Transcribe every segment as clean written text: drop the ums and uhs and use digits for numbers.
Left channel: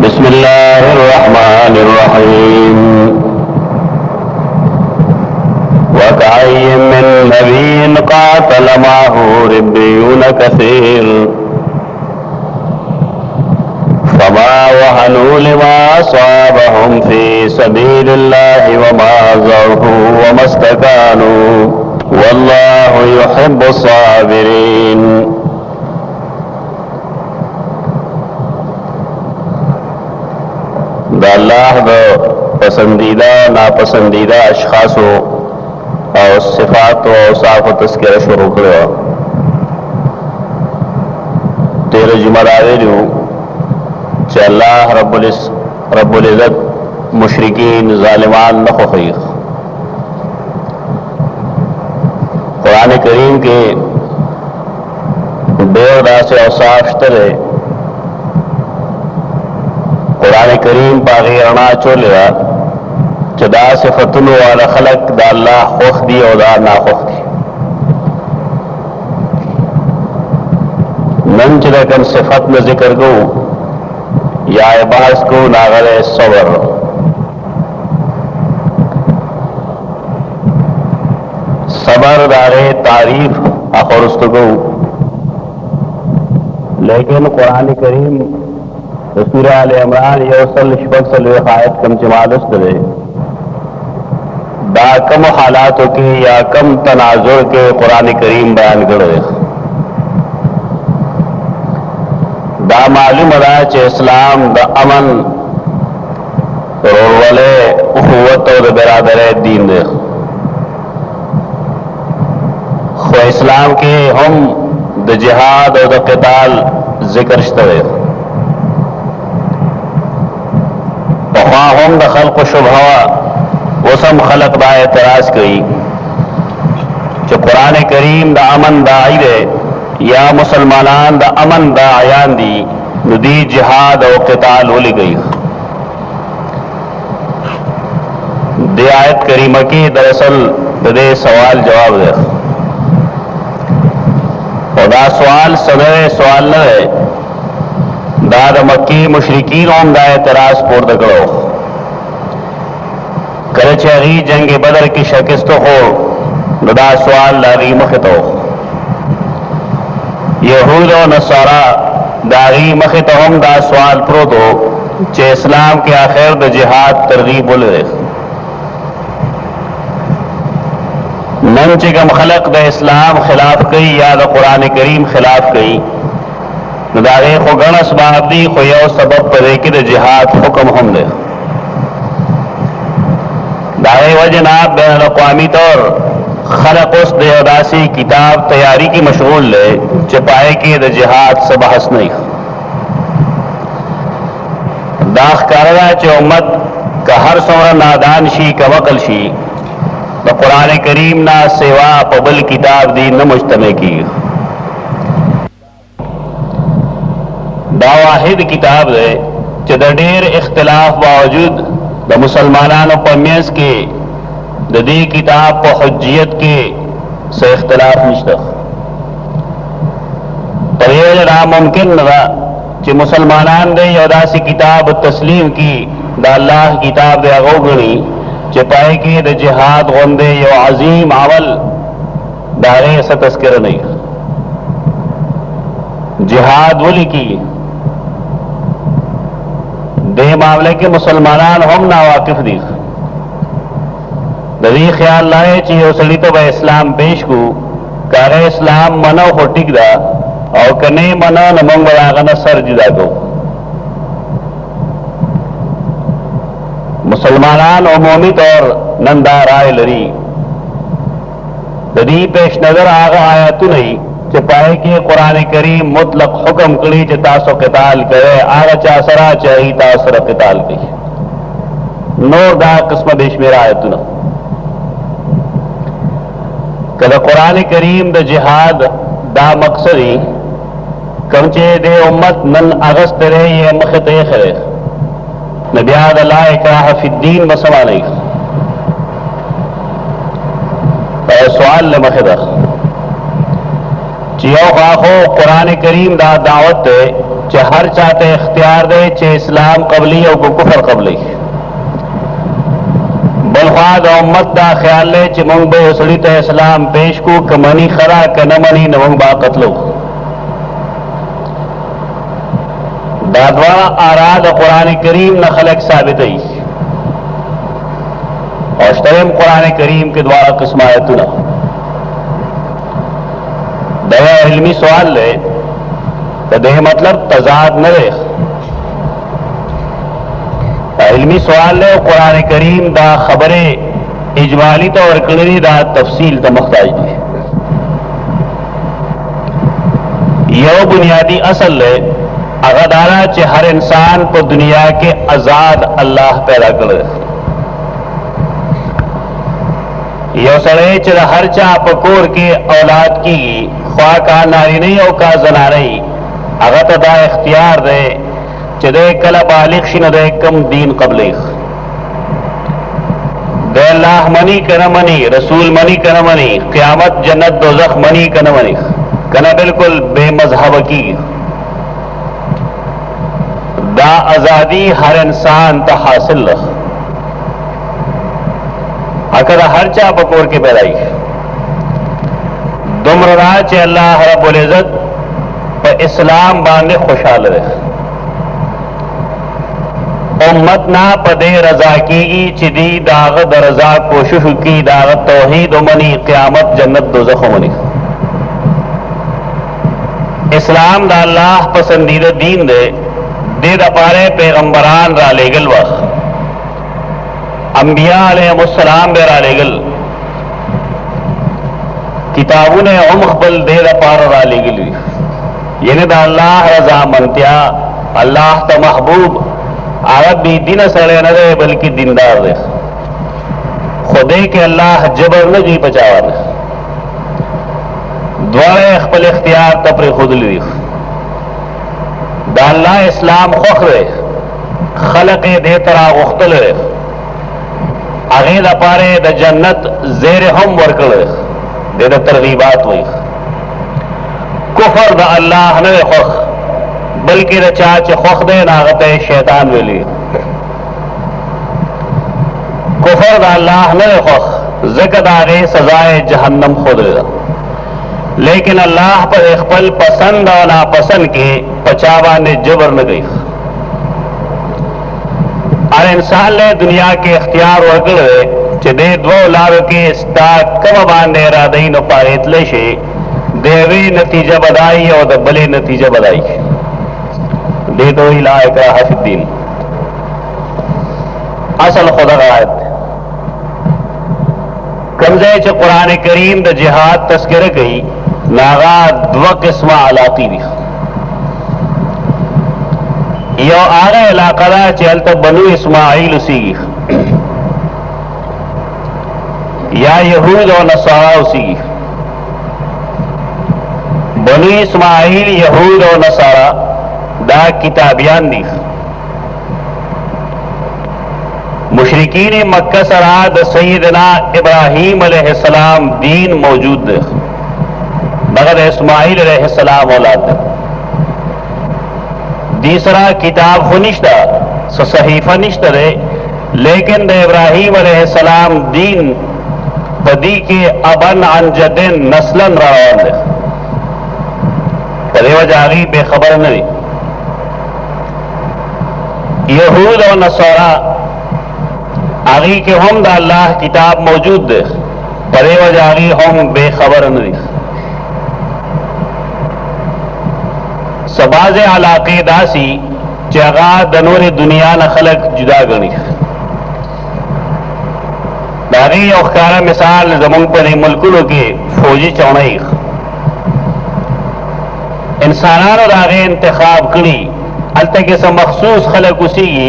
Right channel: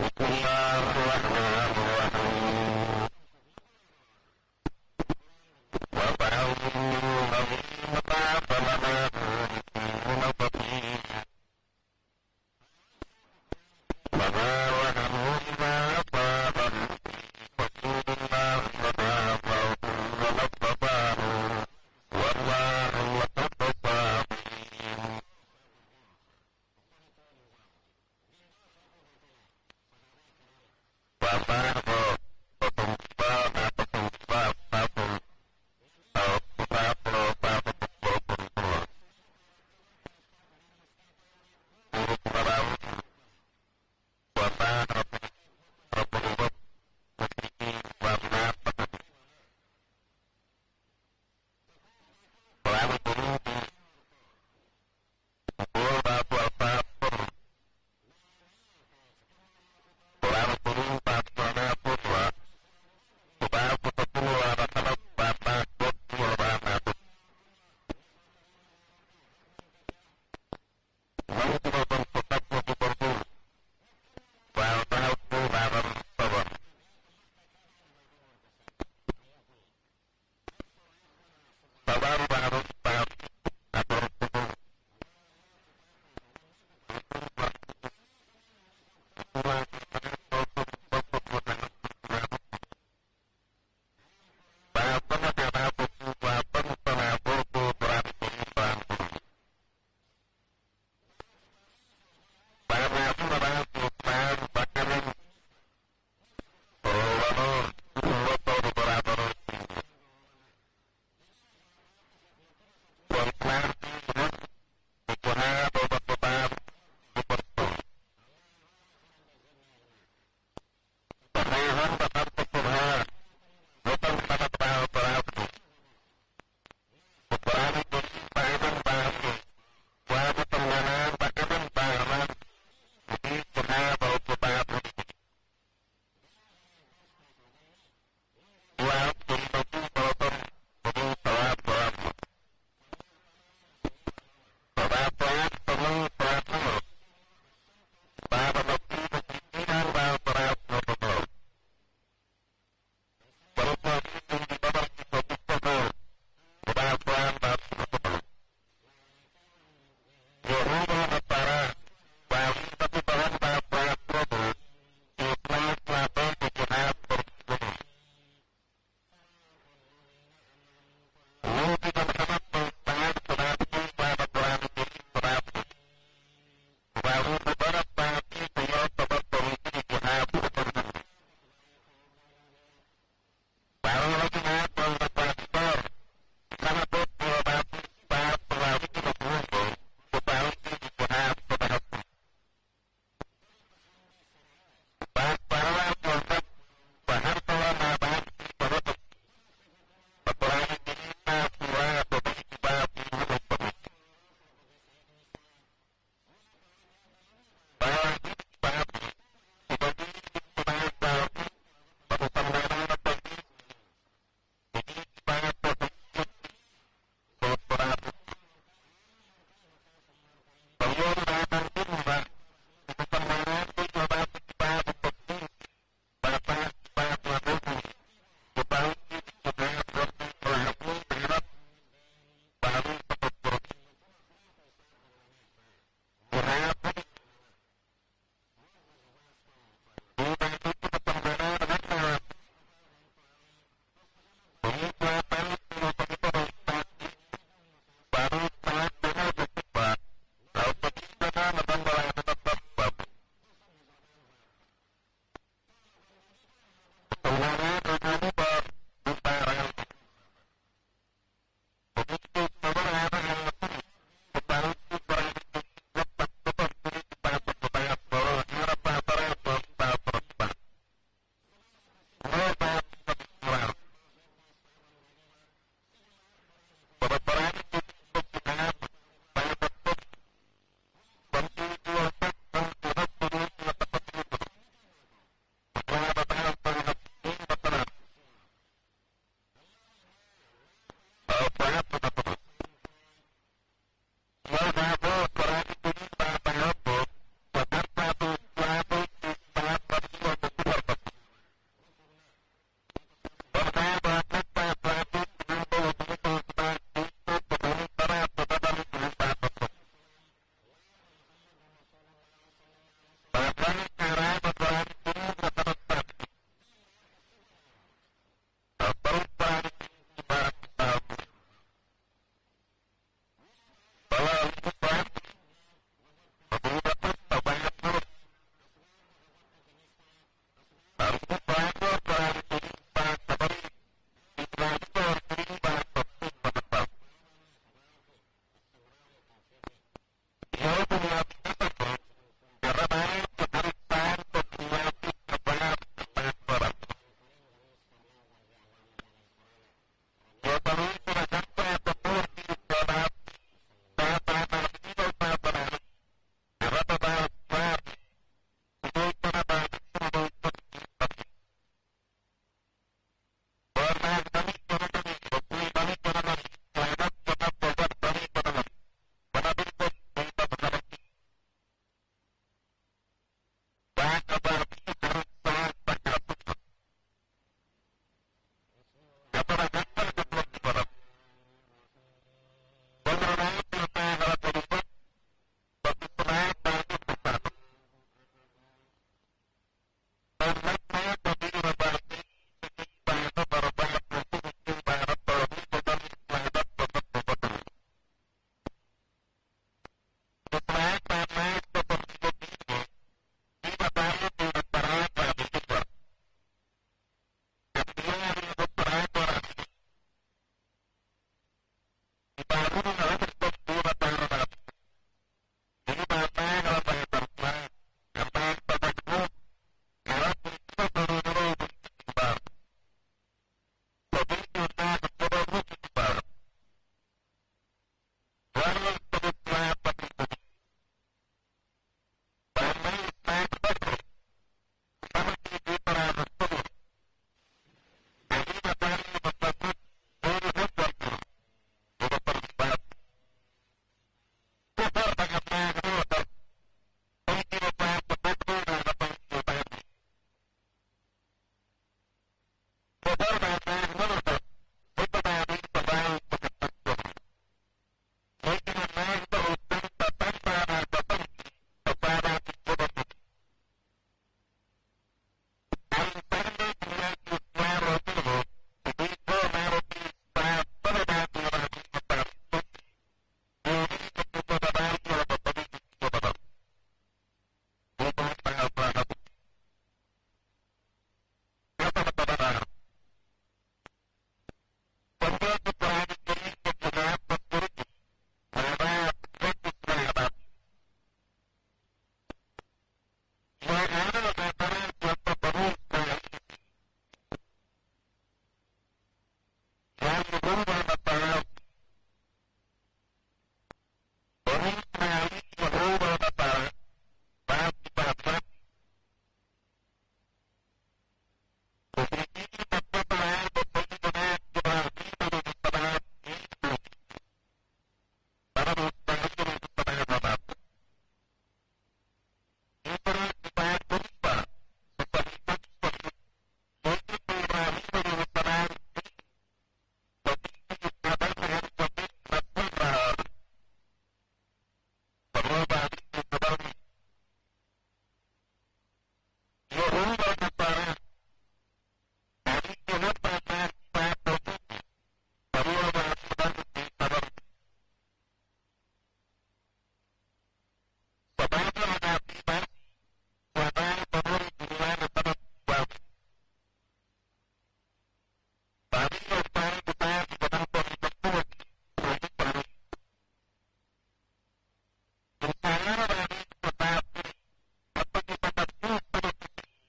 बिस्मिल्लाहिर्रहमानिर्रहीम। वकअय्यिन मिन नबिय्यिन क़ातल मअहू रिब्बियून कसीर फमा वहनू लिमा असाबहुम फी सबीलिल्लाहि वमा ज़अफू वमस्तकानू वल्लाहु युहिब्बुस साबिरीन। दा अल्लाह द पसंदीदा नापसंदीदा अशखासो और सिफात और औसाफ व तस्करा शुरू करो। तेरे जुमरावे च अल्लाह रब्बुल इज़्ज़त मुशरिकीन ज़ालिमान न खुखी। कुरान करीम के डेढ़ से औसाफ तरे कुरान करीम पागी अणा चोलिया चदा सिफतुल वाला खलक दा अल्लाह खुख दी और दा ना खुख दी। नन चलकन सिफत में जिक्र को या बहस को नागरे सबर। सबर दारे तारीफ आखिर उसको, लेकिन कुरान करीम सूरह आल इमरान योसल शबक्सल आयत कम जमालस दे दा कम हालातों के या कम तनाजुर के कुरान करीम बयान करे। दा मालूम अदा चे इस्लाम दा अमन रोवले उखुवत और बिरादर दीन दे। खो इस्लाम के हम द जिहाद और द क़िताल जिक्र शतवे हम द खल्क शुभवा वसम खलक बा एतराज कई जो कुरान करीम द अमन दाई दे या मुसलमानान द अमन दा आयान दी नुदी जिहाद और क़िताल उली गई। दे आयत करीमा की दरअसल दे सवाल जवाब दे और दा सवाल सदरे सवाल न है दाद मक्की मुशरिकीन ओम दा एतराज पोर्द करो करे चेगी जंग बदर की शिकस्त हो दा सवाल लागी मखित हो। यहूद और नसारा दागी मखित हम दा सवाल प्रो दो चे इस्लाम के आखिर द जिहाद तरगीब बोले नन चिकम खलक द इस्लाम खिलाफ कई या द कुरान करीम खिलाफ कई दारे खो गण असबाब दी खो यो सबब पदे कि द जिहाद हुक्म हम दे दारे वजनाब बैन अक़वामी तौर खलक उस देवदासी किताब तैयारी की मशगूल ले चपाए कि द जिहाद से बहस नहीं दाख कारदा चे उम्मत का हर सोरा नादान शी का वकल शी द कुरान करीम ना सेवा पबल किताब दी न मुजतमे की दा वाहिद किताब दे चे द ढेर इख्तिलाफ बावजूद द मुसलमानान पमेस के दी किताब को हुज्जियत के से इख्तिलाफ निश्ता पर यह नामुमकिन नदा कि मुसलमानान दे यदासी किताब तस्लीम की दा अल्लाह किताब दे अगोगनी चे पाए कि द जिहाद गोंदे यो अजीम अमल दारे ऐसा तस्करा नहीं जिहाद वली की दे मामले के मुसलमानान हम ना वाकिफ दी दरी ख्याल लाए चाहिए उसली तो वह इस्लाम पेश को कारे इस्लाम मनो हो टिक दा और कने मनो न मंग बरागना सर जुदा को मुसलमानान उमूमी तौर नंदा राय लरी दरी पेश नजर आगा आया तू नहीं चे पाए कि कुरान करीम मुतलक हुक्म कड़ी चे तासो क़िताल करे आगा चासरा चाही तासर क़िताल की नूर दा किस्म देश मेरा आया तू ना कदा कुरान करीम द जिहाद दा मकसदी कमचे दे उम्मत नन अगस्त रहे ये मखत खरे नबियाद ला इकराह फिद्दीन मसमा नहीं सवाल ले मखदा चियो खाखो कुरान करीम दा दावत चे हर चाहते इख्तियार दे चे इस्लाम कबली और को कुफर कबली बलख्वाद उम्मत दा ख्याल ले चे मंग बे उसड़ी ते इस्लाम पेश को कमनी खरा क न मनी नवंग बा कतलो दादवा आराद कुरान करीम न खलक साबित है और तमाम कुरान करीम के द्वारा किस्म आयतुना दया इल्मी सवाल ले तो देह मतलब तजाद न रहे इल्मी सवाल ले कुरान करीम दा खबरे इजमाली तो और कलरी दा तफसील तो मुख्ताज है यो बुनियादी असल ले अगदारा चे हर इंसान को दुनिया के आजाद अल्लाह पैदा कर यो सड़े च हर चा पकोर के औलाद की ख्वा का नारी नहीं और का जना नहीं अगत दा इख्तियार दे चदे कला बालिग शिन दे कम दीन कबले दे अल्लाह मनी कन मनी रसूल मनी कन मनी क़यामत जन्नत दोज़ख मनी कन मनी कना बिल्कुल बेमजहब की दा आजादी हर इंसान ता हासिल अकर हर चा पकोर के पैदाई दुमरा चे अल्लाह रब्बुल इज्जत पर इस्लाम बांधे खुशहाल रहे उम्मत ना पदे रजा की चिदी दागत रजा कोशिश की दागत तौहीद मनी क़यामत जन्नत दोज़ख मनी इस्लाम दा अल्लाह पसंदीदा दीन दे दे दपारे पैगंबरान रा लेगल वक्त अंबिया अलैहिस्सलाम बे रा लेगल किताबों ने उमखबल दे दपार रा लेगल यानी दा अल्लाह रजा मनत्या अल्लाह ता महबूब आरब भी दिन सड़े न रहे बल्कि दीनदार रहे खुदे के अल्लाह जबर न जी बचावा न द्वारे अखबल इख्तियार तपरे खुद ली दाल्ला इस्लाम खुखरे खलक दे तरा उख्तल अगे दपारे द जन्नत जेर हम वर्कल दे द तरगीबात हुई कुफर द अल्लाह न खुख बल्कि द चाच खुख दे नागत शैतान वेली कुफर द अल्लाह न खुख ज़िक्र आगे सजाए जहन्नम खुद लेकिन अल्लाह पर इकबल पसंद और नापसंद के पचावा ने जबर न गई और इंसान ने दुनिया के इख्तियार वगड़े चदे दो लाभ के इस्ताक कम बांधे रादई न पाएतले शे देवी नतीजा बदाई और दबले नतीजा बदाई दे दो इलाका हफीन असल खुदा आयत कमजे च कुरान करीम द जिहाद तस्कर गई नागा दो किस्म अलाकी भी यो आगे इलाका चल तो बनु इस्माइल उसी या यहूद और नसारा उसी बनु इस्माइल यहूद और नसारा दा किताबियान दी मुशरिकीन मक्का सराद सैयदना इब्राहीम अलैहिस्सलाम दीन मौजूद मगर इस्माइल अलैहिस्सलाम औलाद तीसरा किताब खुनिश्ता सहीफा निश्ता रे लेकिन द इब्राहीम अलैहिस्सलाम दीन बदी के अबन अनजदिन नस्लन रवान दे पदेवा जागी बेखबर नहीं यहूद और नसारा आगी के हम दा अल्लाह किताब मौजूद दे परे वजागी हम बेखबर नहीं सबाज अलाके दासी जगा दनोर दुनिया न खलक जुदा गणी दागी औखारा मिसाल जमुन पर मुल्कुलों के फौजी चौड़ई इंसानान और आगे इंतखाब करी अलते के सब मखसूस खलक उसी की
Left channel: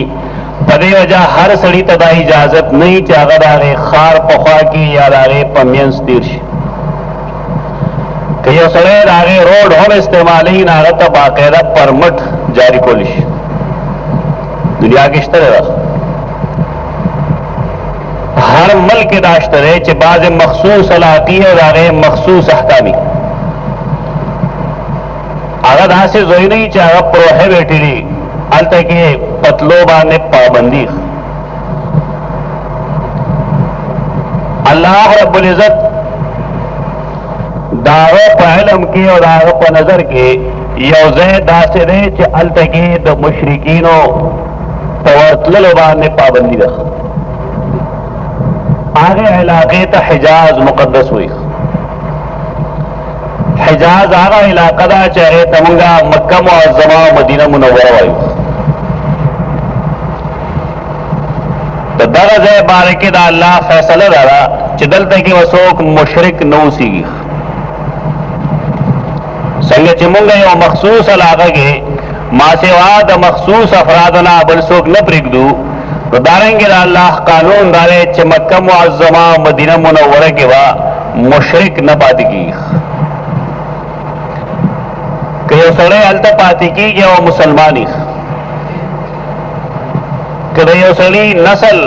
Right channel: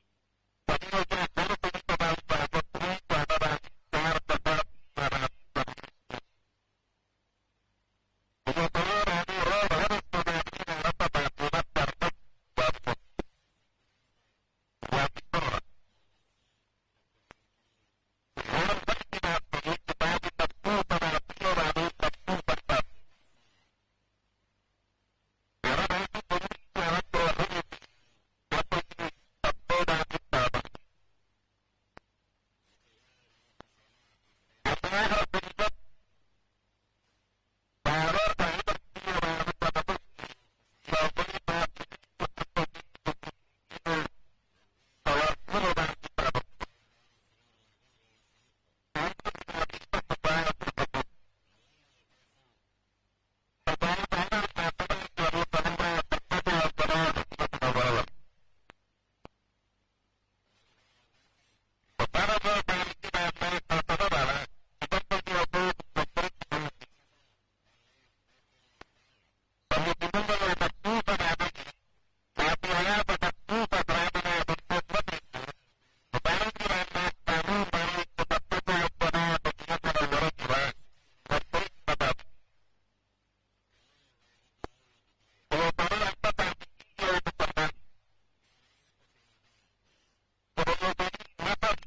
पदे वजह हर सड़ी तदा इजाजत नहीं चागद आगे खार पखा की या आगे पमियंस तीर्श कई सड़े आगे रोड हम इस्तेमाल ही नागत बाकायदा परमिट जारी कोलिश दुनिया की तरह हर मुल्क के दाश्तरे चे बाज मखसूस अलाकी और आगे मखसूस अहकामी هغه داسې ځای نه وي چې هغه پروهیبټ دي، هلته کې پتلو باندې پابندي. الله رب العزت داغه په علم کې او داغه په نظر کې یو ځای داسې دی چې هلته کې د مشرکینو په ورتللو باندې پابندي ده. هغه علاقې ته حجاز مقدس وایي. حجاز هغه علاقه ده چې هغې ته مونږه مکه معظمه او مدینه منوره وایو. د دغه ځای باره کې د الله فیصله دا ده چې دلته کې به څوک مشرک نه اوسېږي. څنګه چې مونږ یو مخصوص علاقه کې ما سوا د مخصوص افرادو نه بل څوک نه پرېږدو، نو دارنګې د الله قانون دا دی چې مکه معظمه او مدینه منوره کې به مشرک نه پاتې کېږي. که یو سړی هلته پاتې کېږي او مسلمان وي، که د یو سړي نسل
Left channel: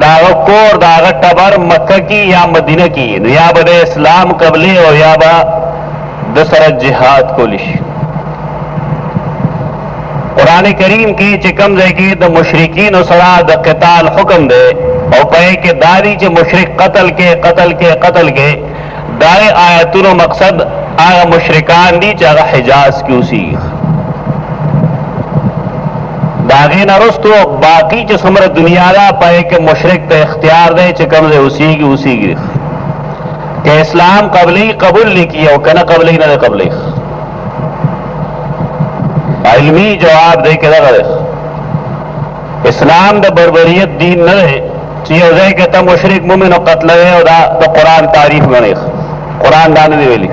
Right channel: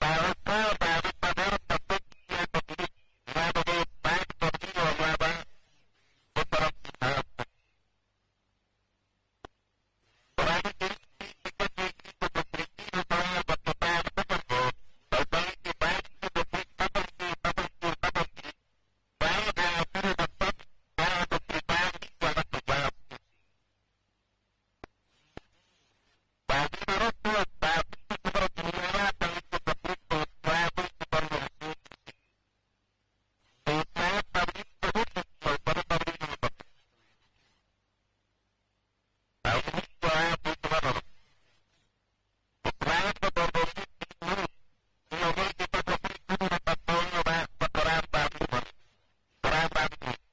د هغه کور د هغه ټبر مکه کې یا مدینه کې، نو یا به د اسلام قبلې او یا به د سره جهاد کولی شي. قرآن کریم کې چې کوم ځای کې د مشرکینو سره د قتال حکم دی او په یې کې دا دی چې مشرک قتل کې دا آیتونو مقصد هغه مشرکان دي چې هغه حجاز کې اوسېږي. د هغې نه وروستو باقي چې څومره دنیا ده په یې کې مشرک ته اختیار دی چې کوم ځای اوسېږي. که اسلام قبلی قبول نه کړي او که نه قبلی نه دی قبلی. علمی جواب دی که دغه دی. اسلام د بربریت دین نه دی چې یو ځای کې ته مشرک مومن او قتلوې او دا د قرآن تعریف ګڼې. قرآن دا نه دی ویلي.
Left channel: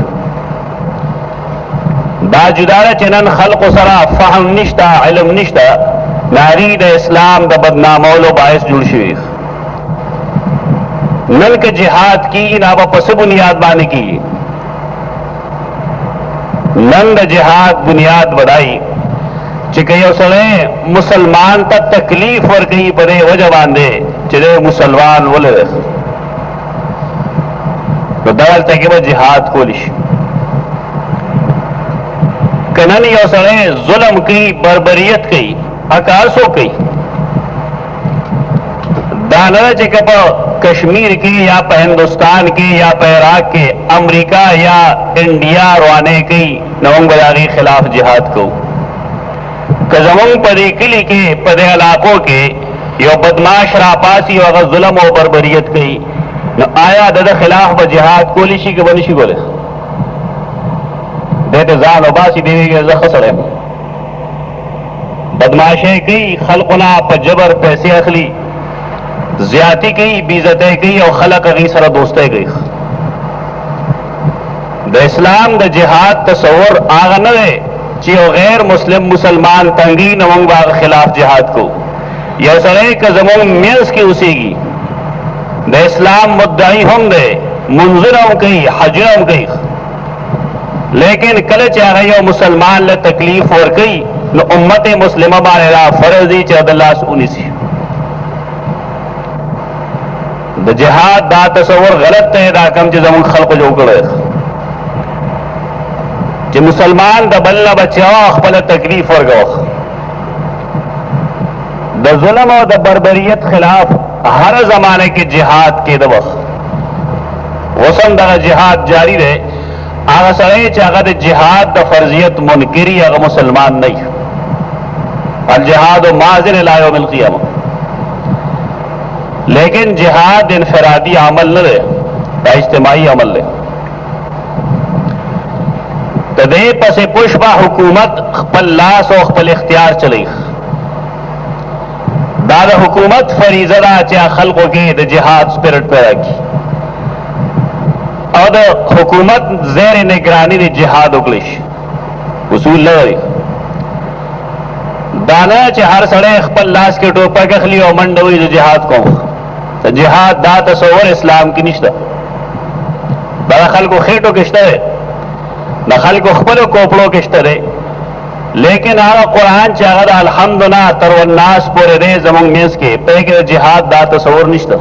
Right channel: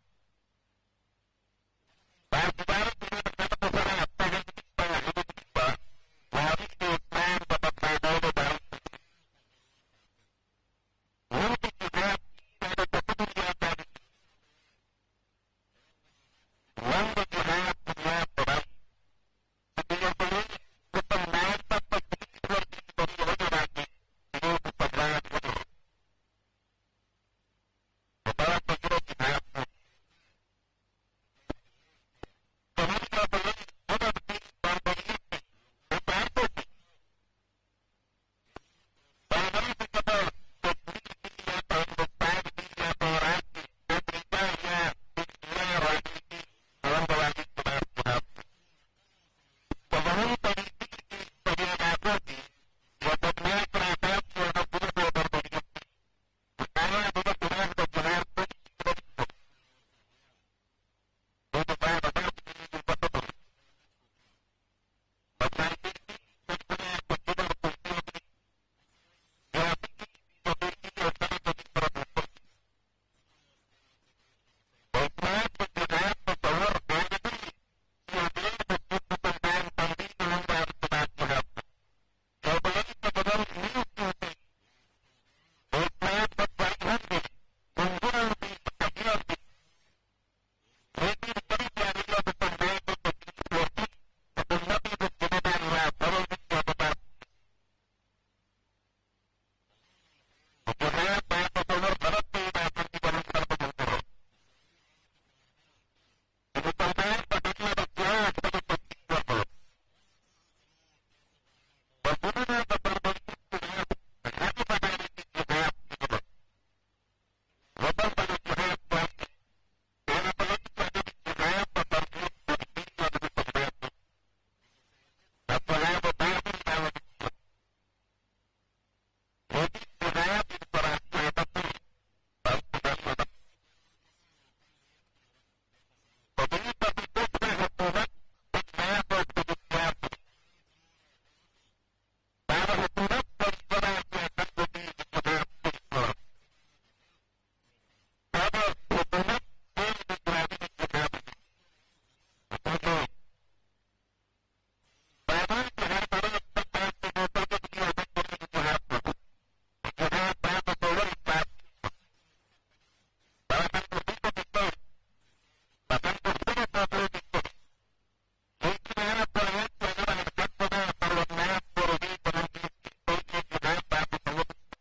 دا جدا ده چې نن خلقو سره فهم نشته، علم نشته، ناری د اسلام د بدنامولو باعث جوړ شوي. نن که جهاد کیږي نو په څه بنیاد باندې کیږي؟ نن د جهاد بنیاد بدایي چې که یو سړی مسلمان ته تکلیف ورکوي په دې وجه باندې چې دی مسلمان ولې دی، نو دغلته کې به جهاد کولی شي. که نن یو سړی ظلم کوي، بربریت کوي، هر څوک کوي، دا نه ده چې که په کشمیر کې یا په هندوستان کې یا په عراق کې امریکا یا انډیا روانې کوي نو موږ به د هغې خلاف جهاد کوو. که زمونږ په دې کلي کې په دې علاقو کې یو بدماش راپاسي او هغه ظلم او بربریت کوي، نو آیا د ده خلاف به جهاد کولی شي که به نه شي کولی؟ دی ته ځان وباسي، دی ویږي زه ښه سړی یم. بدماشۍ کوي، خلقو نه په جبر پیسې اخلي، زیاتی کوي، بېعزتۍ کوي او خلق هغې سره دوستۍ کوي. د اسلام د جهاد تصور هغه نه دی چې یو غیر مسلمان تنګي نو موږ به هغه خلاف جهاد کوو. یو سړی که زموږ منځ کې اوسېږي، د اسلام مدعي هم دی، منځونه هم کوي، حجونه هم کوي، لیکن کله چې هغه یو مسلمان له تکلیف ورکوي نو امت مسلمه باندې دا فرض دی چې د لاس ونیسي. د جهاد دا تصور غلط دی، دا کم چې زموږ خلقو جوړ کړی چې مسلمان د بل نه بچاو، خپله تکلیف ورکوه. د ظلم او د بربریت خلاف هر زمانه کې جهاد کېده وخت اوس هم دغه جهاد جاری دی. هغه سړی چې هغه د جهاد د فرضیت منکري هغه مسلمان نه وي. الجهاد ماضٍ الی یوم القیامه. لیکن جهاد انفرادی عمل نه دی، دا اجتماعي عمل دی. د دې پسې پشبه حکومت خپل لاس او خپل اختیار چلی. دا د حکومت فریضه ده چې خلقو کې د جهاد سپیرټ پیدا کړي او د حکومت زیر نگرانی د جهاد وکړي شي. اصول لري دا نه چې هر سړی خپل لاس کې ټوپک اخلي او منډه وي د جهاد کوم. جهاد دا تصور اسلام کې نشته. دا خلکو خېټو کې شته دی، د خلکو خپلو کوپړو کې شته دی، لیکن هغه قرآن چې هغه د الحمد نه تر والناس پورې دی زموږ منځ کې، په کې د جهاد دا تصور نشته.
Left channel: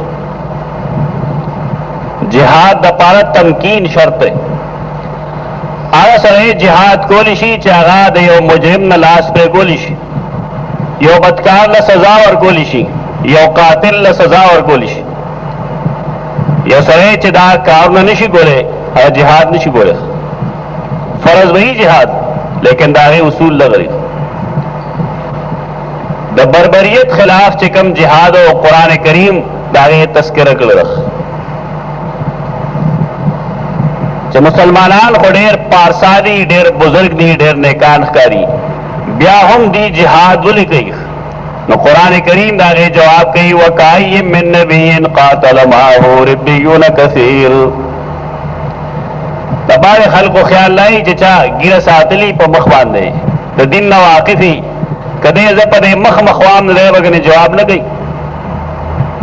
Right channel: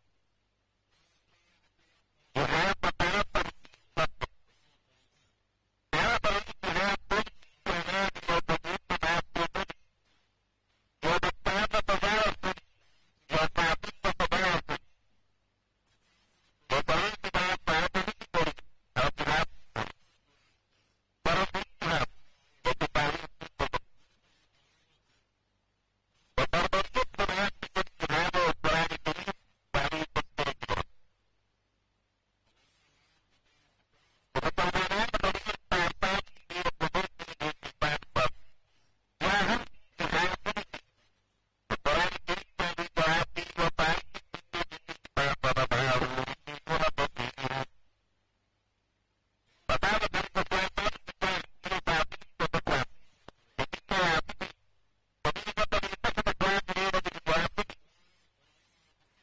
جهاد د پاره تمکین شرط دی. هغه سره جهاد کولی شي چې هغه د یو مجرم نه لاس پرې کولی شي، یو بدکار له سزا ورکولی شي، یو قاتل له سزا ورکولی شي. یو سره چې دا کارونه نشي کولی هغه جهاد نشي کولی. فرض وی جهاد لیکن دا غي اصول لغري. د بربریت خلاف چې کوم جهاد او قران کریم دا غي تذکرہ کړل چې مسلمانان خو ډېر پارسادي، ډېر بزرگ دي، ډېر نیکان ښکاري، بیا هم دی جهاد ولې کوي؟ نو قران کریم دا غي جواب کوي وکای من نبی قاتل معه ربیون کثیر. د باندې خلکو خیال لای چې چا ګیره ساتلی په مخ باندې د دین نه واقفي کده زه په مخ مخوام نه وګنه جواب نه کوي.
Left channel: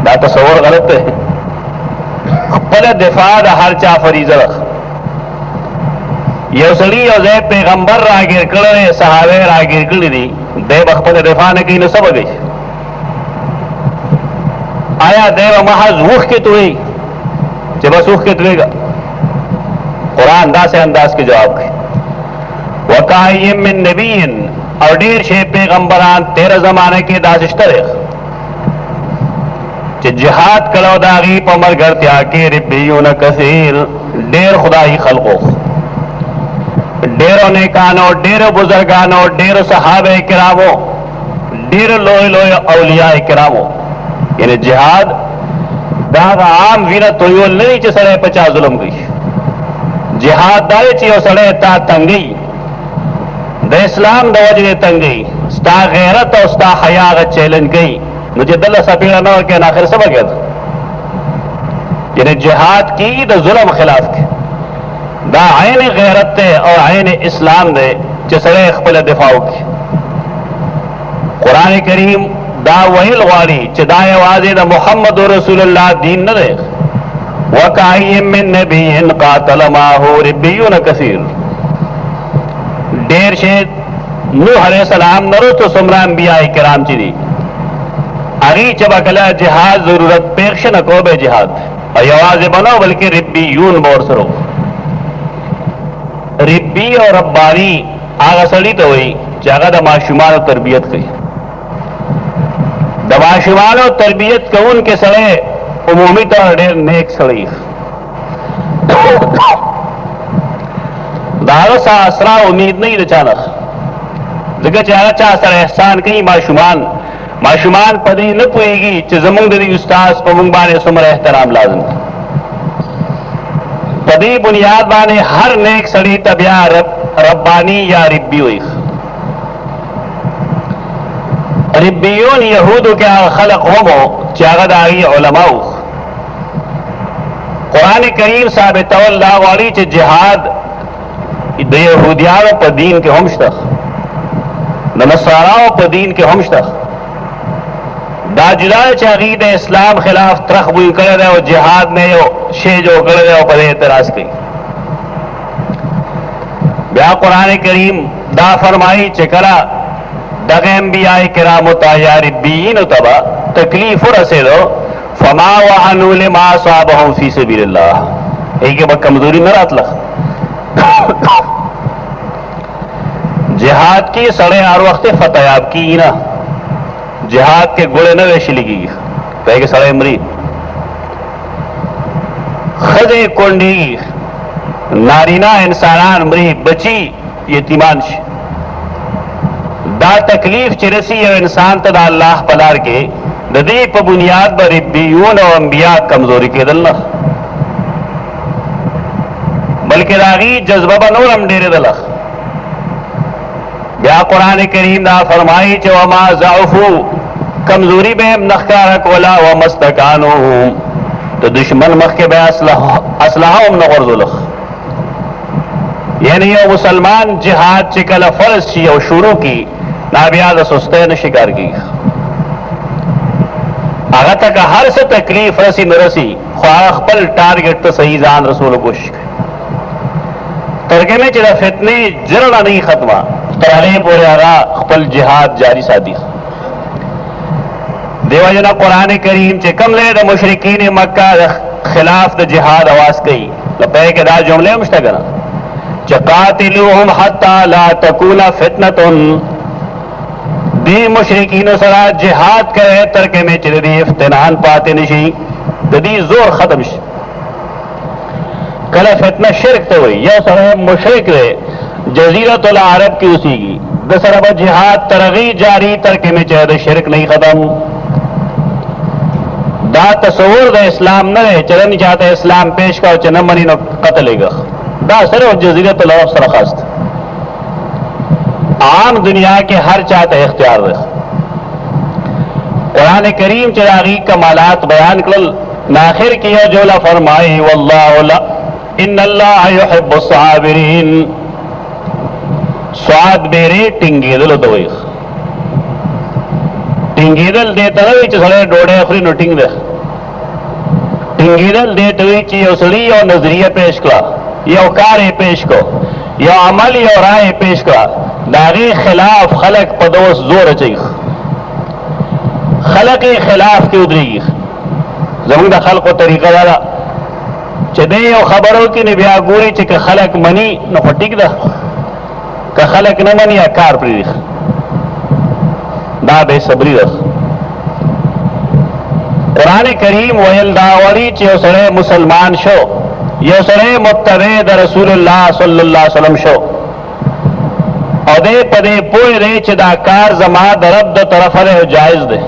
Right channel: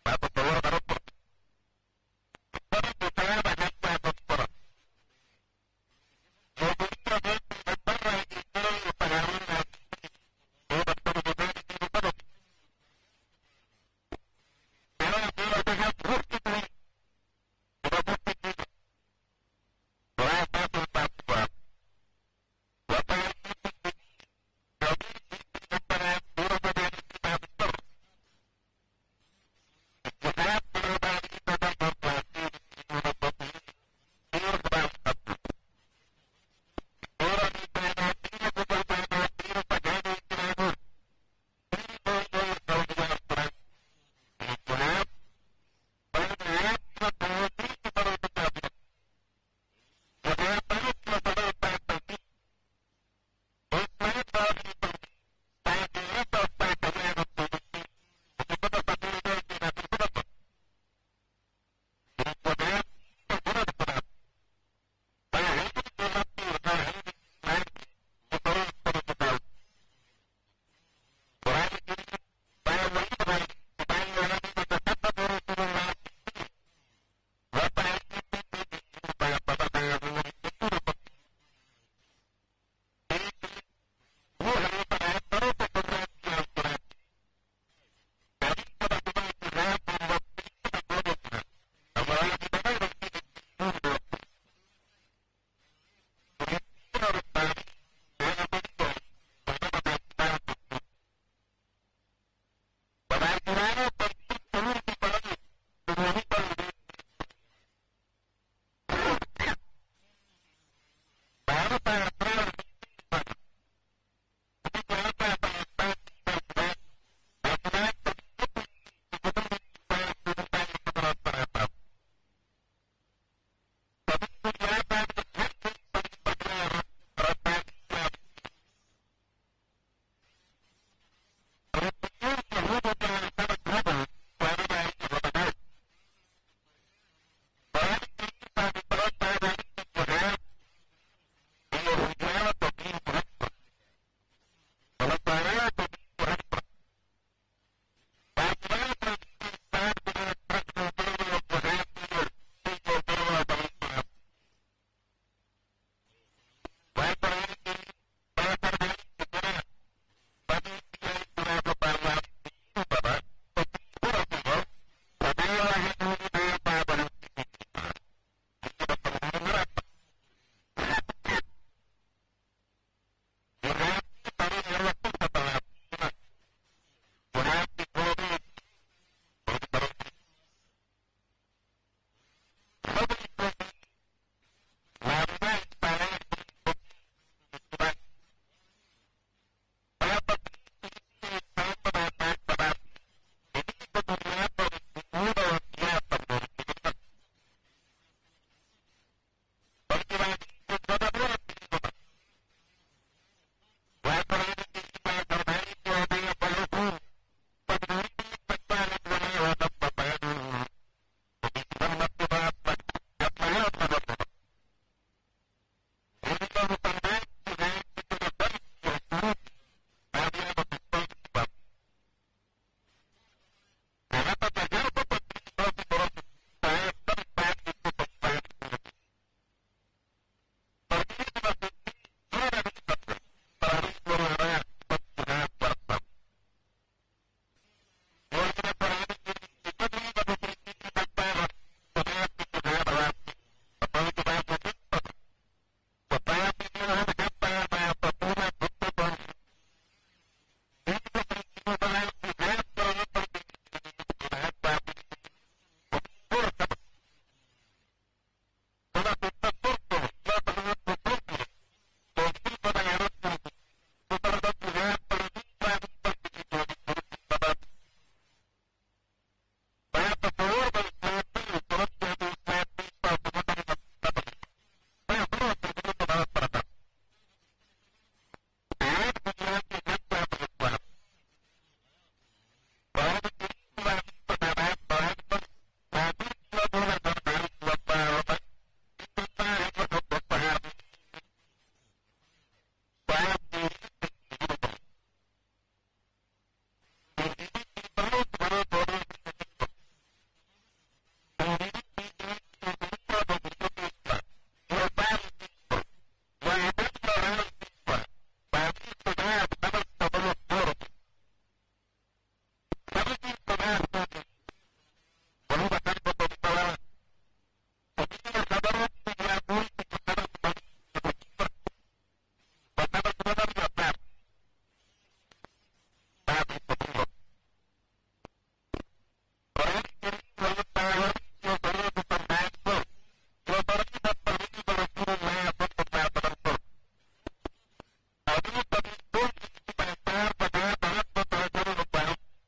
دا تصور غلط دی. خپل دفاع د هر چا فریضه ده. یو سړي یو ځای پیغمبر راګیر کړی، صحابه راګیر کړي دي، دی به خپل دفاع نه کوي نو څه به کوي؟ آیا دی به محض اوښ کې توی چې بس اوښ کې تویږه؟ قرآن داسې انداز کې جواب کوي وکایم من نبیین، او ډېر شی پیغمبران تیره زمانه کې داسې شته دی چې جهاد کړو د هغې په ملګرتیا کې ربیون کثیر، ډېر خدایي خلقو، ډېرو نیکانو، ډېرو بزرګانو، ډېرو صحابه کرامو، ډېرو لوی لوی اولیاء کرامو. یعنی جهاد دا عام وینه تویول نه چې سړی په چا ظلم کوي. جهاد دا چې یو سړی تا تنګي د اسلام د وجې تنګي، ستا غیرت او ستا حیا هغه چیلنج کوي، نو چې دله سپېړه نه ورکوي نو آخر څه به کېده؟ یعنی جهاد کی د ظلم خلاف کې دا عین غیرت ته او عین اسلام دی چې سړی خپل دفاع وکړي. قرآن کریم دا ویل غواړي چې دا یوازې د محمد رسول الله دین نه دی. وکایم من نبی قاتل معه ربیون کثیر. ډېر شی نوح علیہ السلام نه وروسته څومره انبیاء کرام چې دي هغې چې به کله جهاد ضرورت پېښ شي نه کو به جهاد، او یوازې به نه بلکې ربیون به ورسره. ربی او ربانی هغه سړي ته وایي چې هغه د ماشومانو تربیت کوي. د ماشومانو تربیت کوونکی سړی عمومي طور ډېر نیک سړی، د هغه څه اسرا امید نه وي د چا نه، ځکه چې هغه چا سره احسان کوي. ماشومان په دې نه پوهېږي چې زمونږ د دې استاذ په مونږ باندې څومره احترام لازم دی. په دې بنیاد باندې هر نیک سړي ته بیا ربانی یا ربی وایي. ربیون یهودو کې هغه خلق هم چې هغه د هغې علما وو. قرآن کریم ثابتول دا غواړي چې جهاد د یهودیانو په دین کې هم شته، د نصاراو په دین کې هم شته. دا جدا چې هغې د اسلام خلاف ترخ بوی کړی دی او جهاد نه یو شی جوړ کړی دی او په دې اعتراض کوي. بیا قرآن کریم دا فرمایي چې کله دغه انبیاء کرامو ته یا ربیینو ته به تکلیف ورسېدو فما وهنوا لما اصابهم فی سبیل الله، هغې کې به کمزوري نه راتله. جهاد کې سړی هر وخت فتحیاب کیږي نه، جهاد کې ګوړې نه ویشلې کېږي، پهې کې سړی مري، ښځې کونډېږي، نارینه انسانان مري، بچي یتیمان شي. دا تکلیف چې رسی یو انسان ته د الله په لار کې د دې په بنیاد به ربیون او انبیا کمزوري کېدل نه، بلکې د هغې جذبه به نور هم ډېرېدله. بیا قرآن کریم دا فرمایي چې وما ضعفو، کمزوري به هم نه ښکاره کوله، وما استکانو، د دشمن مخکې به اسلحه هم نه غورځوله. یعنی یو مسلمان جهاد چې کله فرض شي او شروع کی نا بیا د سستۍ نه شکار کېږي. هغه ته که هر څه تکلیف رسی نه رسی خو هغه خپل ټارګېټ ته صحیح ځان رسولو کوشش کوي، تر کومې چې د فتنې جرړه نه وي ختمه تر هغې پورې هغه خپل جهاد جاري ساتي. دیو جنا قرآن کریم چې کوم ځای د مشرکین مکه د خلاف د جهاد اواز کوي نو پهې کې دا جملې هم شته که نه चकातिलूहुम हत्ता ला तकूना फितनतुन दी मुशरिकीन सरा जिहाद करे तरके में चिदी इफ्तिनान पाते नशी दी जोर खत्म शी कल फितना शिरक तो हुई यह सर मुशरिक रहे जजीरतुल अरब की उसी की दसरब जिहाद तरगी जारी तरके में चेहरे शिरक नहीं खत्म दा तस्वुर द इस्लाम न रहे चलन चाहते इस्लाम पेश का चन मनी न कत्ल दा सर जजीरतुल अरब सर खास्त आम दुनिया के हर चाहते इख्तियार रख कुरान करीम चिरागी कमालात बयान कल नाखिर किया जोला फरमाई वल्लाह इन्नल्लाह युहिब्बुस साबिरीन स्वाद बेरे टिंगेदल तो टिंगेदल देता सड़े डोड़े अखरी नो टिंग दे टिंगेदल देते उसड़ी और नजरिया पेश करा या कार पेश को या अमल या राय पेश करा दागी खिलाफ खलक पदोस जोर चाहिए खलक के खिलाफ की उधरी जमीन द खल को तरीका वाला चदे खबरों की निबिया गोरी च खलक मनी न फटिक दा का खलक न मनी या कार प्री दा बेसब्री रख कुरान करीम वयल दावरी चे सड़े मुसलमान शो ये सड़े मुत्तबे द रसूलुल्लाह सल्लल्लाहु अलैहि वसल्लम शो अदे पदे पोए रे चिदा कार जमा दरब द तरफ रे जायज दे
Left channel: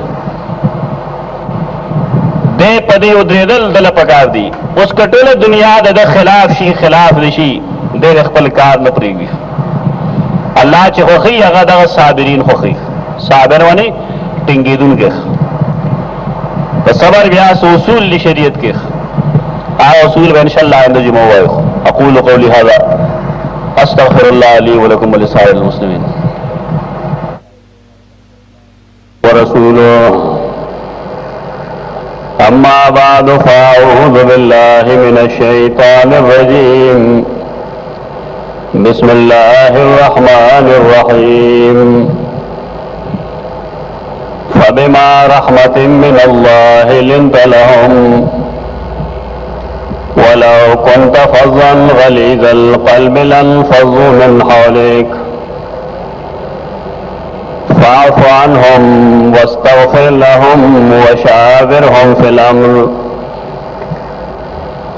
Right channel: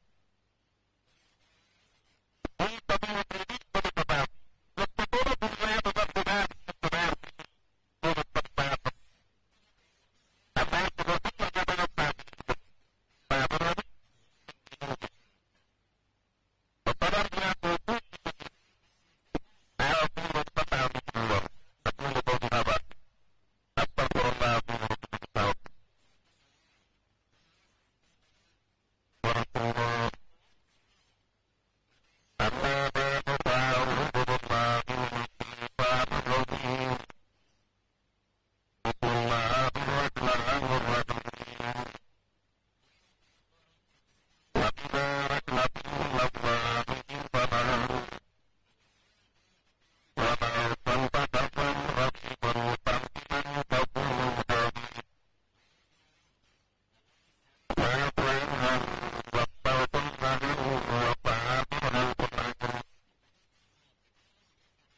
पदे उद्रेदल दल पकार दी उस कटोले दुनिया द खिलाफ शी खिलाफ ऋषि दे खपल कार न प्रीगी अल्लाह चे खोखी अगा द साबिरीन खोखी साबिर वने टिंगीदुन के तो सबर व्यास उसूल ली शरीयत के आ उसूल व इंशाअल्लाह इंद जुमा व अकूलु कौली हाज़ा अस्तग़फिरुल्लाह ली व लकुम व लिसाइरिल मुस्लिमीन व रसूलुहु अम्मा बादु फ़अऊज़ु बिल्लाहि मिनश शैतानिर रजीम बिस्मिल्लाहिर रहमानिर रहीम फबिमा रहमतिन मिनल्लाहि लिंत लहुम वलौ कुन्त फ़ज़्ज़न गलीज़ल क़ल्बि लन्फ़ज़्ज़ू मिन हौलिक फ़अफ़ु अन्हुम वस्तग़फ़िर लहुम वशाविरहुम फ़िल अम्र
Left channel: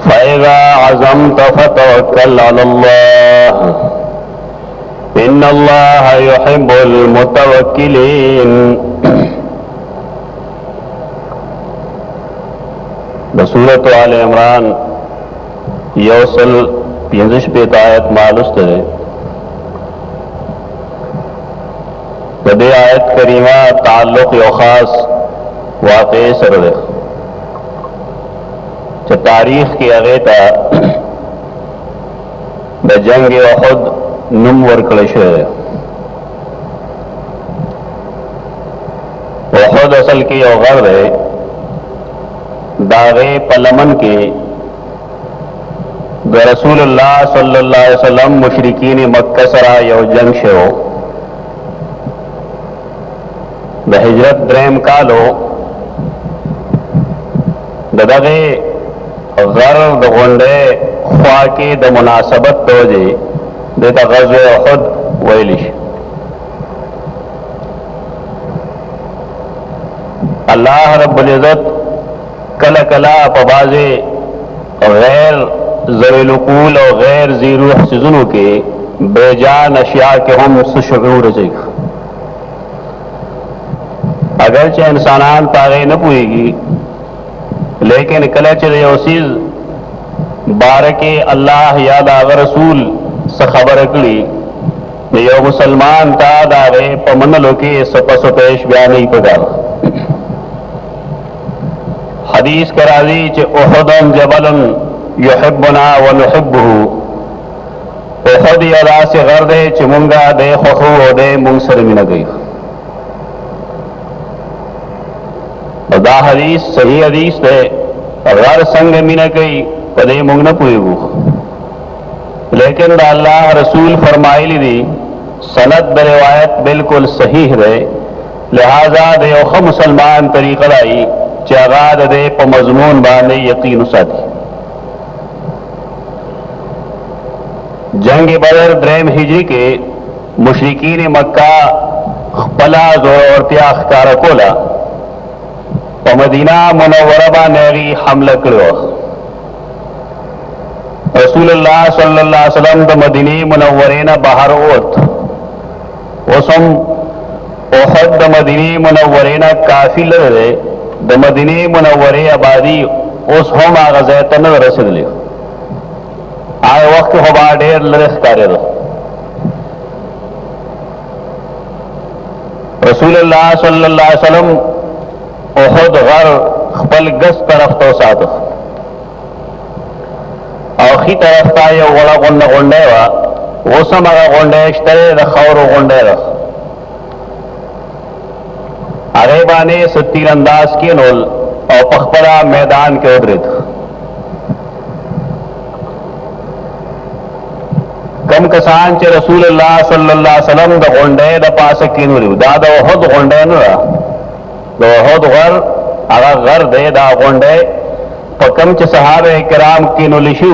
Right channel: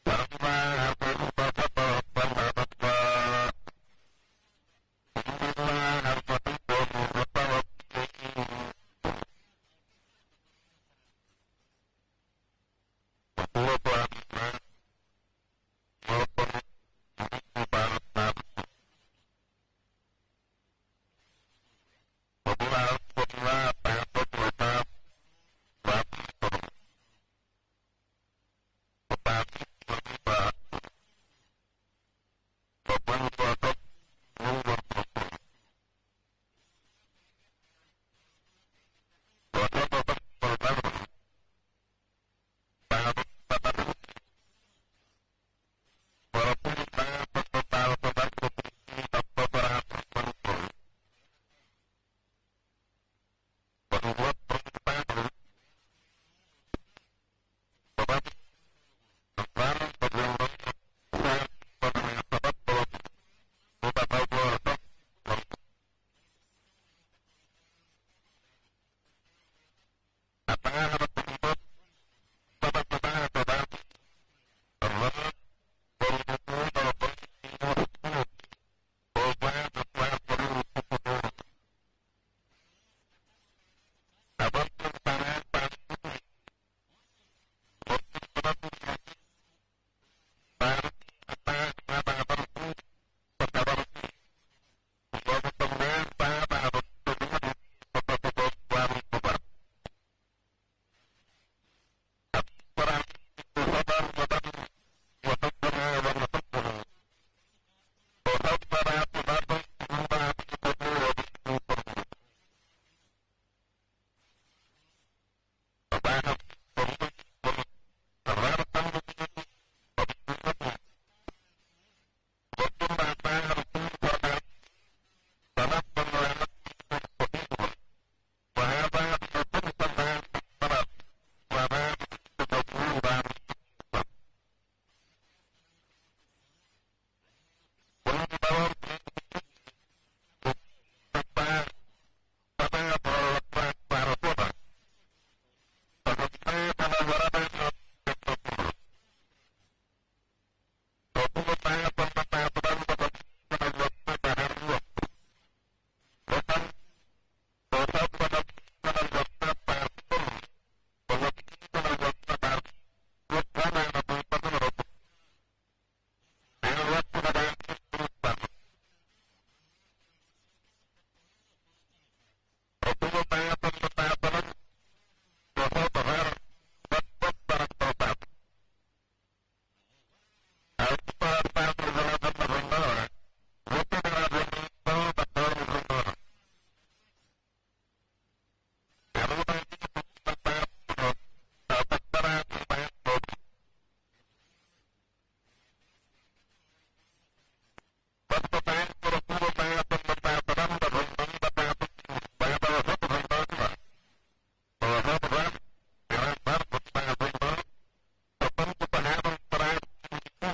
फ़इज़ा अज़मत फ़तवक्कल अलल्लाह इन्नल्लाह युहिब्बुल मुतवक्किलीन। सूरत आल इमरान योसल 50 आयत मालूस है बदे आयत करीमा ताल्लुक यो खास वाक़े सर तारीख की अगेता ब जंग उहुद नुम वर्कड़श उहुद असल की गर्द है दागे पलमन के रसूलुल्लाह सल्लल्लाहु अलैहि वसल्लम मुशरिकीन मक्का सरा यो जंग शो द हिजरत द्रेम कालो दगे गर द गोंडे ख्वा के द मुनासबत तोजे देता गज़वे उहुद वैलिश अल्लाह रब्बुल इज़्ज़त कला कला पबाजे गैर ज़रीलुकूल और गैर ज़ीरूह सिज़ुनों के बेजान अशिया के हम सुशूर चाहिए अगरचे इंसानान तागे न पुएगी लेकिन कला चले उसीज बार के अल्लाह याद आगर रसूल से खबर अकली यो मुसलमान ता दागे पमन लोके सपस पेश बयान नहीं पड़ा हदीस कराजी चे उहुदन जबलन युहिब्बुना व नुहिब्बुहु उहुद यदा से गर्दे चे मुंगा दे खुखु दे मुंग सर मिन गई दा हदीस सही हदीस दे गर संग मिन गई पदे मुंग न पुएगु लेकिन दा अल्लाह रसूल फरमाइली दी सनद ब रिवायत बिल्कुल सही रहे लिहाजा दे ओख मुसलमान तरीक़ा आई चागाद दे प मजमून बाने यकीन साथी जंग बदर द्रेम हिजरी के मुशरिकीन मक्का खपला जोरतिया अख्तार कोला और मदीना मुनव्वरा बानेगी हमला करो। रसूलुल्लाह सल्लल्लाहु अलैहि वसल्लम द मदीने मुनव्वरे न बाहर ओत ओसम ओहद द मदीने मुनव्वरे न काफी लगे द मदीने मुनव्वरे आबादी उस हम आगजैतन रसद लियो आए वक्त हवा ढेर लरस कार्य रसूलुल्लाह सल्लल्लाहु अलैहि वसल्लम ओहद घर खपल गस तरफ तो साथ औखी तरफ था ये वड़ा गुंडा गुंडे वा वो समगा गुंडे इश्तरे रखौर गुंडे रख अरे बाने सत्तीर अंदाज के नोल और पखपरा मैदान के उधरित कम कसान चे रसूलुल्लाह सल्लल्लाहु अलैहि वसल्लम द गुंडे द पास की नूरी दादा ओहद गुंडे न दो ओहद घर आगा घर दे दा गुंडे पकम च सहाबे किराम की नुलिशु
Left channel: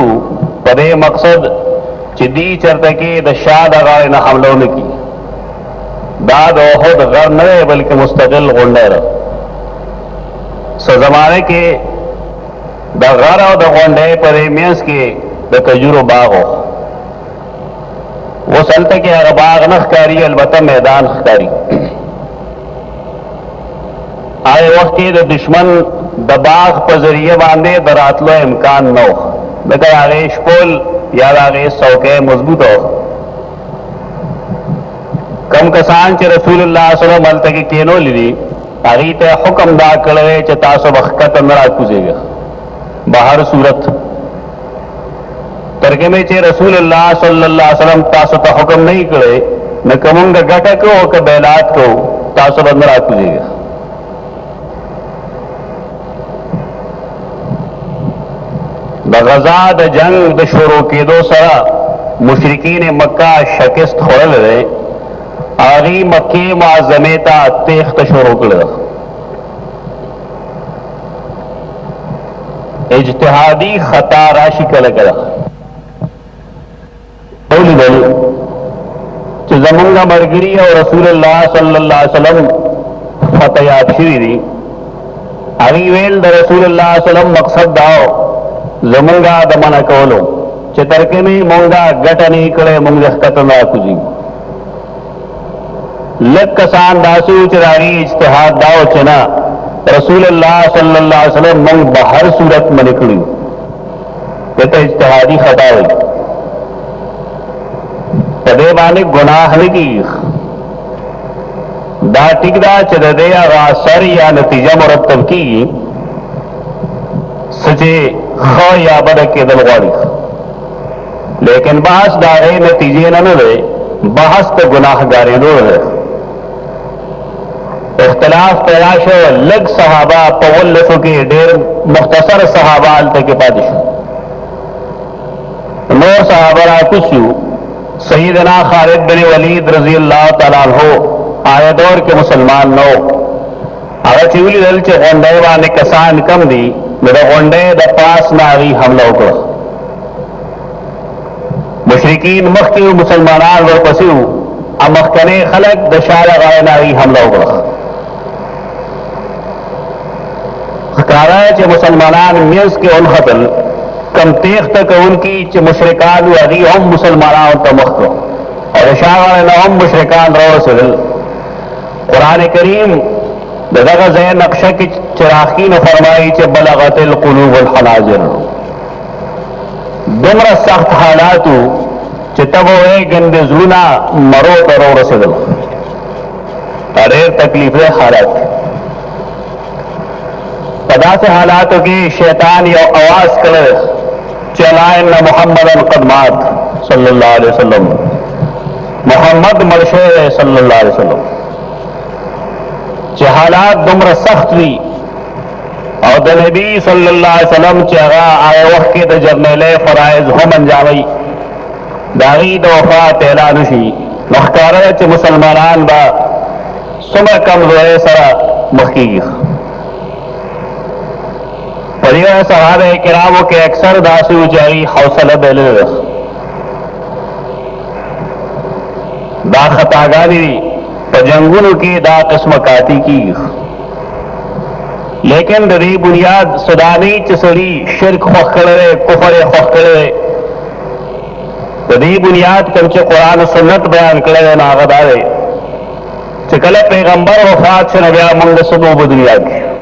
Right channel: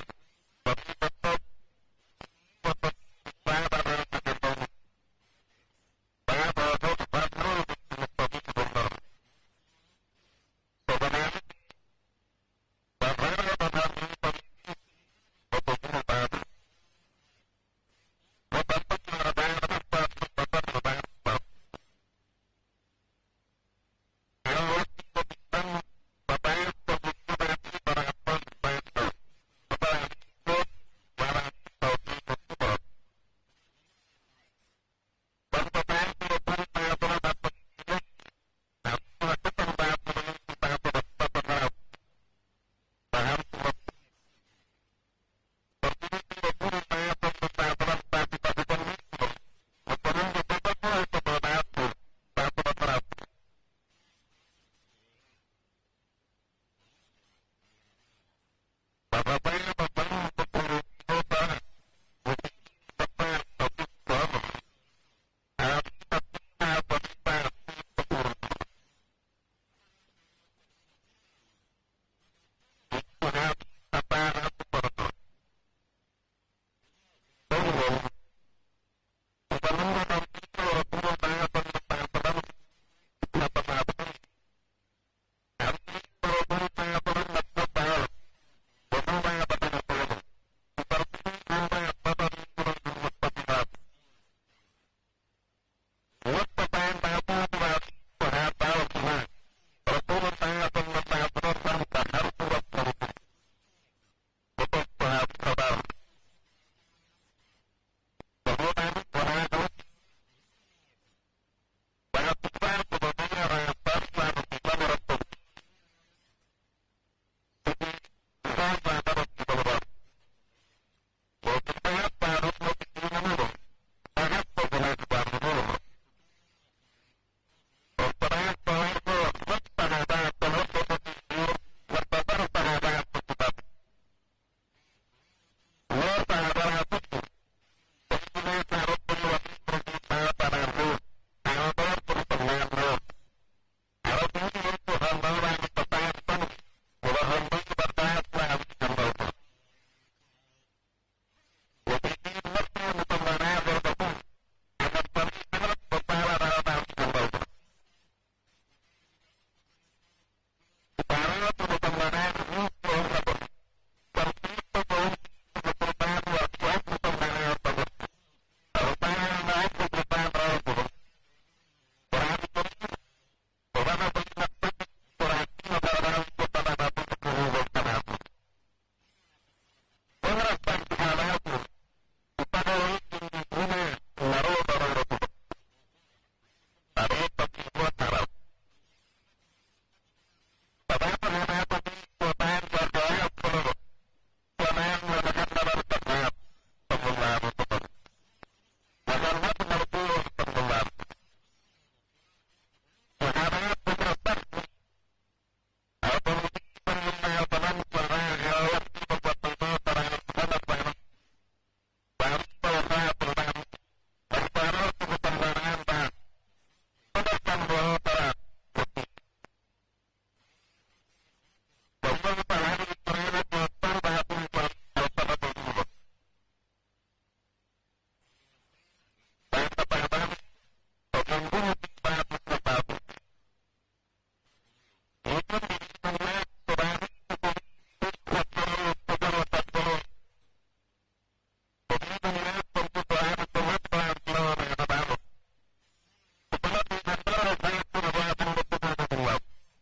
पदे मकसद चिदी चरते के द शाद अगाए न हमलों ने की दाद ओहद घर न रहे बल्कि मुस्तकिल गुंडे रह जमाने के द घर और द गुंडे पदे मियंस के द खजूर बाग हो वो सलते के बाग नखकारी अलबत्ता मैदान खकारी आए वक्त के दुश्मन दबाग पर जरिए बांधे दरातलो इम्कान न हो लेकिन आगे शपोल या आगे सौके मजबूत हो कम कसान चे रसूलुल्लाह सल्लल्लाहु अलैहि वसल्लम के केनो ली आगे ते हुक्म दा कड़े चे तासो वक्त अंदर कुजेगा बाहर सूरत तरके चे रसूलुल्लाह सल्लल्लाहु अलैहि वसल्लम तासो तो हुक्म नहीं करे न कमुंग गटक हो के बैलात को तासो अंदर कुजेगा द गजा द जंग द शुरू के दो सरा मुशरिकीन मक्का शिकस्त खोल रहे आगी मक्के मुअज़्ज़मेता तेख्त शुरू कर इज्तिहादी खता राशि कल करा जमंगा मरगिरी और रसूलुल्लाह सल्लल्लाहु अलैहि वसल्लम फतयात शिरी आगी वेल द रसूलुल्लाह सल्लल्लाहु अलैहि वसल्लम मकसद दाओ जमुंगा दमन कोलो चितरके में मोंगा गटनी कड़े मुंगे कतना कुजी लग कसान दासू चिरागी इज्तिहाद दाओ चना रसूलुल्लाह सल्लल्लाहु अलैहि वसल्लम मंग बाहर सूरत में निकली ये तो इज्तिहादी खता हुई पदे बाने गुनाह की दा टिकदा चदे सर या नतीजा मुरतब की सचे खो या बद के दलवाड़ी लेकिन बहस दागे नतीजे न रहे बहस तो गुनाहगारी दो है इख्तलाफ तलाश लग सहाबा पवल्लसों के ढेर मुख्तसर सहाबा तक के पादिश नौ सहाबरा कुछ सईदना खालिद बिन वलीद रजी अल्लाह तआला अन्हु आए दौर के मुसलमान नो अगर चिवली दल चे गोंडेवा ने कसान कम दी मेरा गोंडे द पास नारी हमला उकड़ा मुशरिकीन मख के मुसलमान वर पसिव अमखने खलक दशारा गाय नारी हमला उकड़ा खकारा चे मुसलमान मियंस के उन खतल कम तेख तक उनकी चे मुशरिकान अगी हम मुसलमान तमख और इशारा न हम मुशरिकान रो से कुरान करीम दगा जै नक्शा की चिराखी ने फरमाई चे बलगतिल कुलूब वल हनाजिर दुमरा सख्त हालात चे तब ए गंदे जूना मरो तरो रसदल अरे तकलीफ हालात पदा से हालातों की शैतान या आवाज कर चलाएं न मोहम्मदन कदमात सल्लल्लाहु अलैहि वसल्लम मोहम्मद मरशे सल्लल्लाहु अलैहि वसल्लम चे हालात दुमरा सख्त हुई और द नबी सल्लल्लाहु अलैहि वसल्लम चेगा आए वक्त के द जर्नेले फराइज हम अंजामी दागी द वफात ऐलानुशी मखकारा चे मुसलमानान बा सुमर कम रोए सरा मखी परिवार सहाबे किरामों के अक्सर दासू जारी हौसला बेले दा खतागानी पे जंगुन की दा किस्म काती की, लेकिन दी बुनियाद सुदानी चसड़ी शिरक खोखड़े कुफर खोखड़े दी बुनियाद कंचे कुरान सुन्नत बयान करे नागदारे चकल पैगंबर वफात से नबिया मंग सुबह दुनिया की